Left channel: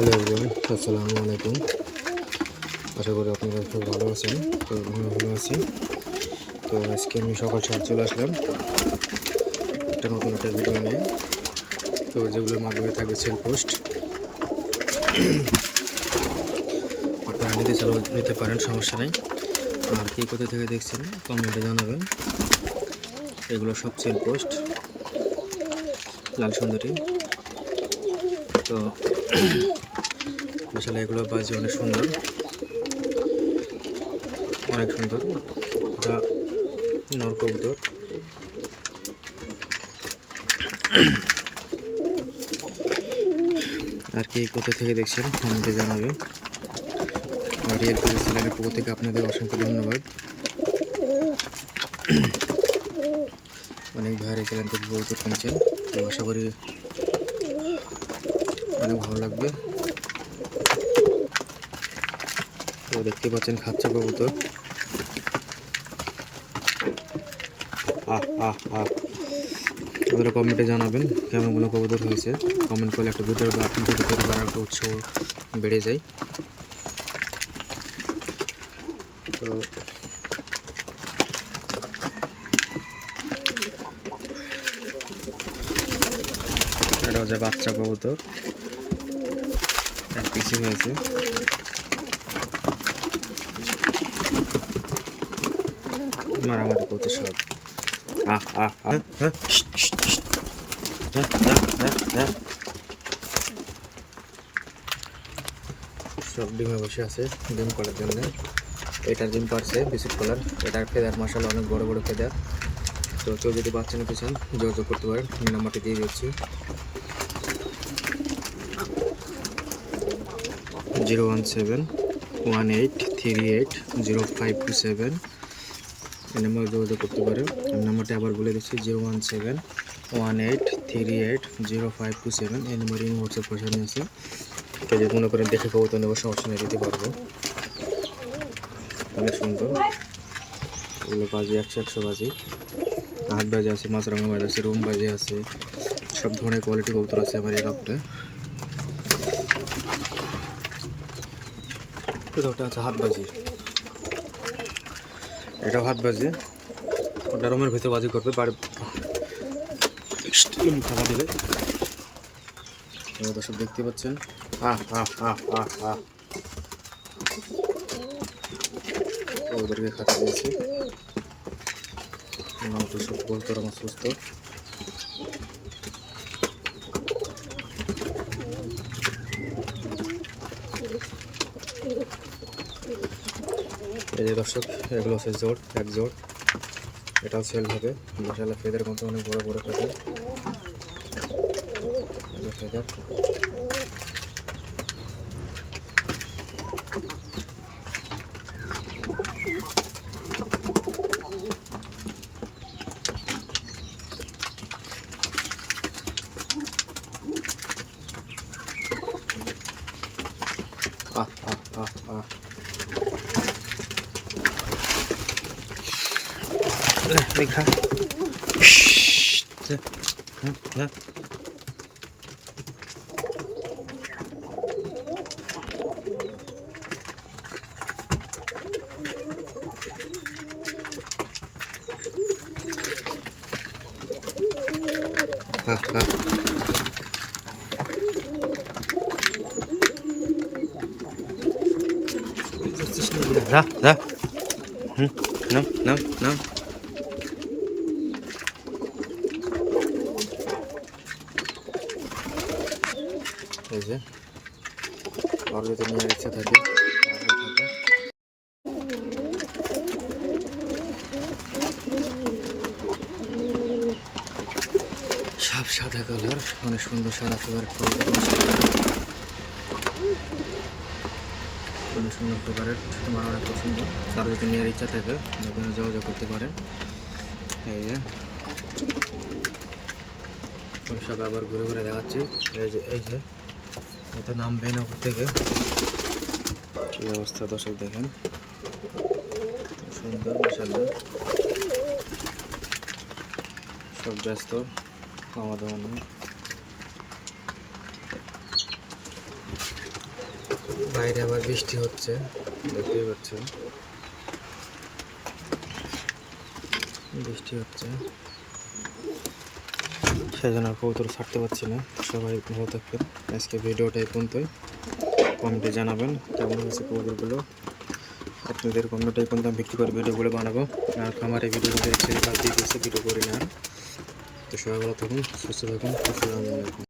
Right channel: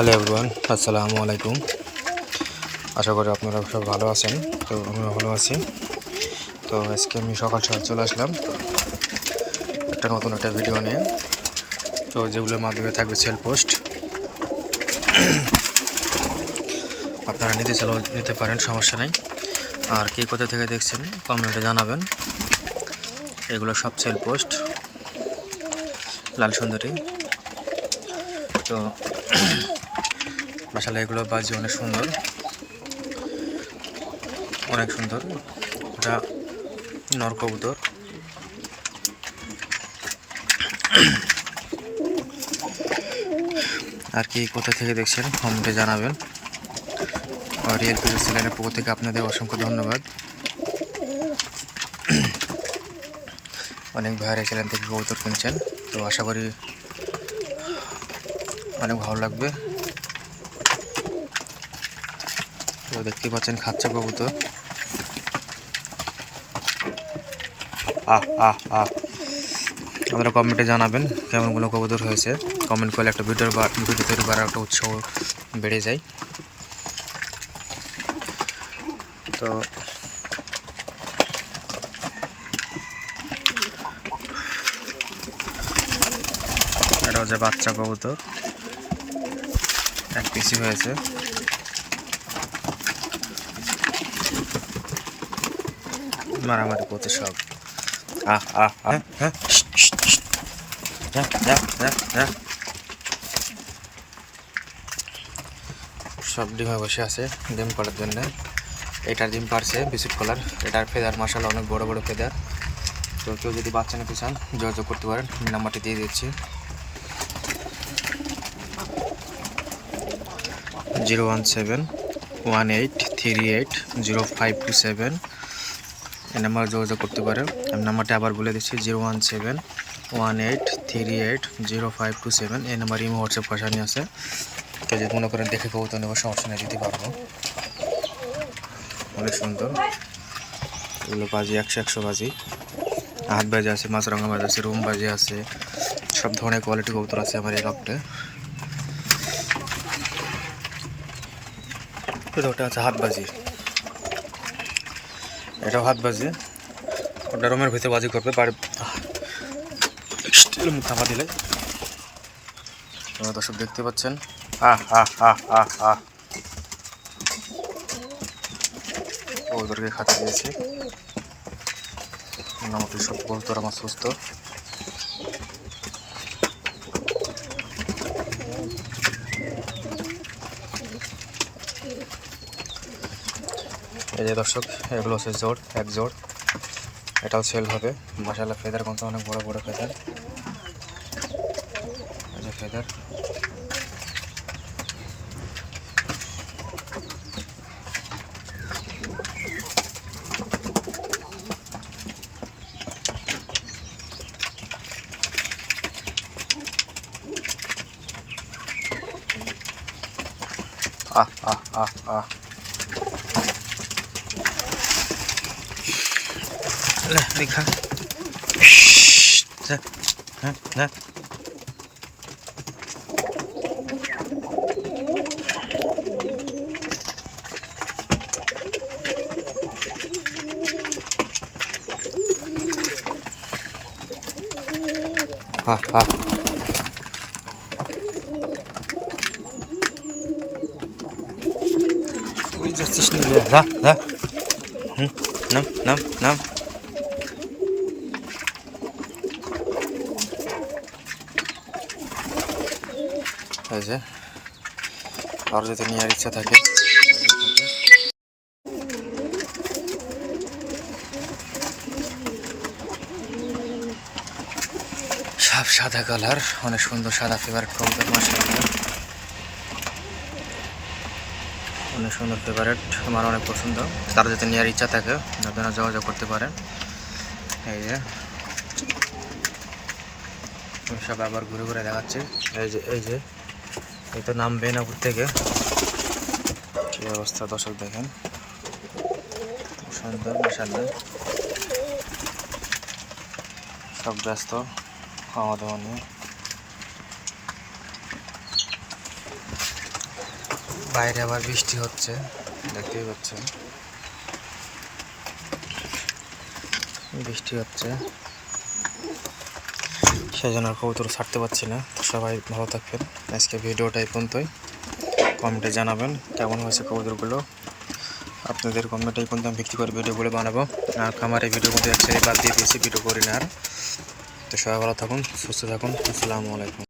Hello everyone, আসসালামু আলাইকুম। আশা করি আপনারা সব ভালো আছেন, তো আমিও ভালো আছি। তো আজকে আমি সকাল সকাল চলে আসলাম। একটা নতুন একটা ভিডিও নিয়ে। তো যেগুলোর মাধ্যমে থাকবে সেল পোস্ট আপনারা নিতে চাইলেও নিতে পারেন, সমস্যা নেই। আর কে কোথা থেকে দেখছেন কমেন্টে জানাবেন। এগুলো সব সেল পোস্ট লাল সুন্দরী। তো আসলে এগুলো বাজি অনেক সুন্দর। অনেক সুন্দর। ওটা নর কবুতর। আর কি, কোথা থেকে দেখছেন? কমেন্টে জানাবেন। আর রিয়েল পিজা চ্যানেলের পক্ষ থেকে আপনাদের অসংখ্য ধন্যবাদ। অনেক ভাইয়ের চ্যানেল থেকে কবুতর কিনছেন। তো আশা করি অনেক ভালো লাগবে। তো দেখতে পাচ্ছেন, খাচ্ছে কবুতর। আহ আহ আহ। আপনারা কমেন্টে জানাবেন কেমনগুলো কবুতর হয়েছে। কমেন্ট করলে একটা ভিডিও ভিডিও তৈরি করার একটা উৎসাহ বেড়ে যায়। তো এটা হচ্ছে বাচ্চা কবুতর। এক পিসি হয়েছে। মারামারি করতে সব। আহ আহ হ্যাঁ সব ডিমে বসে আছে ডিম পাড়ার জন্য এটার ডিম পারছে বিস্কুট কালার এটার ফেদার মশালা অনেক বড় বড় ফেদার তো কেউ যদি বাচ্চা নিতে চান যোগাযোগ করতে পারেন আমি নাম্বারটি দিয়ে দিচ্ছি zero one seven, one eight, three eight, zero five two seven. এই নাম্বার যোগাযোগ করতে পারেন। আমি নাম্বারটা আবার বলে দিচ্ছি, zero one seven, one eight, three eight, zero five two seven. এই নাম্বার ইমো, হোয়াটসঅ্যাপ পাশানি আছে। তো যদি মনে করেন দেখে কবুতর নেব, সমস্যা নিয়ে দিতে পারব। অনেক সুন্দর। এগুলো বাজি, একশো একশো বাজি। হাত বাজি আছে মাছরাঙা বাজি আছে, রুম বাজি আছে। সব ধরনের কোয়ালিটি কবুতর আছে আমার এই কাপটে ওটা হচ্ছে হাত বাজি। এটাও হাত বাজি। ওটা রুমের ভিতরে বাজি করবে, বাড়ি থাপা দিলে। দর্শক দেখতে পাচ্ছেন। আহ আহ আহ আহ আহ ওদেরকে খাতে দিয়েছি। মোটামুটি সব বলতো আমার সুস্থ। এই যে দর্শক, এগুলো হচ্ছে জোড়, এক জোড়। এটাও সেল হবে। মশালা ফেদার কিন্তু অনেক বড় বড় ফেদার। ফেদার। আহ আহ আহ আহ। 来，你看，嘘，这，来来。啊啊！我这是什么？来来，嗯，能能能。এই যে আর যদি নেওয়ার ইচ্ছা থাকে। সব সাদা কালার, অনেক সুন্দর সাদা ফেভারিট কবুতর অনেক সুন্দর ফেভারেট আমার অনেক পছন্দ। তার যদি নেওয়ার ইচ্ছা থাকে, আপনারা যোগাযোগ করতে পারেন। এই যে সব আবার ঘুরে ঘুরে দেখাচ্ছি। এই যে এই যে। এই তো নামবেন উপর থেকে। কি অবস্থা দর্শক দেখেন? সুন্দর মাসাল্লাহ সব ব্যস্ত খাওয়া দাওয়া নিয়ে। বাইরে আবার বৃষ্টি হচ্ছে দেখতেই পাচ্ছেন। বৃষ্টি হচ্ছে। সেই জন্য কবুতর ছাড়তে পারছি না। তো সবাই ভালো থাকবেন। আজকে ভিডিওটা এই পর্যন্তই। কমেন্টে জানাবেন কেমন হয়েছে কবুতরগুলো। আপনাদের কমেন্টে এই পর্যন্ত আমি ভিত্তি করে ভিডিওগুলো বানাবো। আর খামারে ভিডিও করতে একসাথে বাদ দিয়ে দিয়েছি, ভিডিও করি না আর। তো সবাই ভালো থাকুন, সুস্থ থাকুন। আসসালামু আলাইকুম।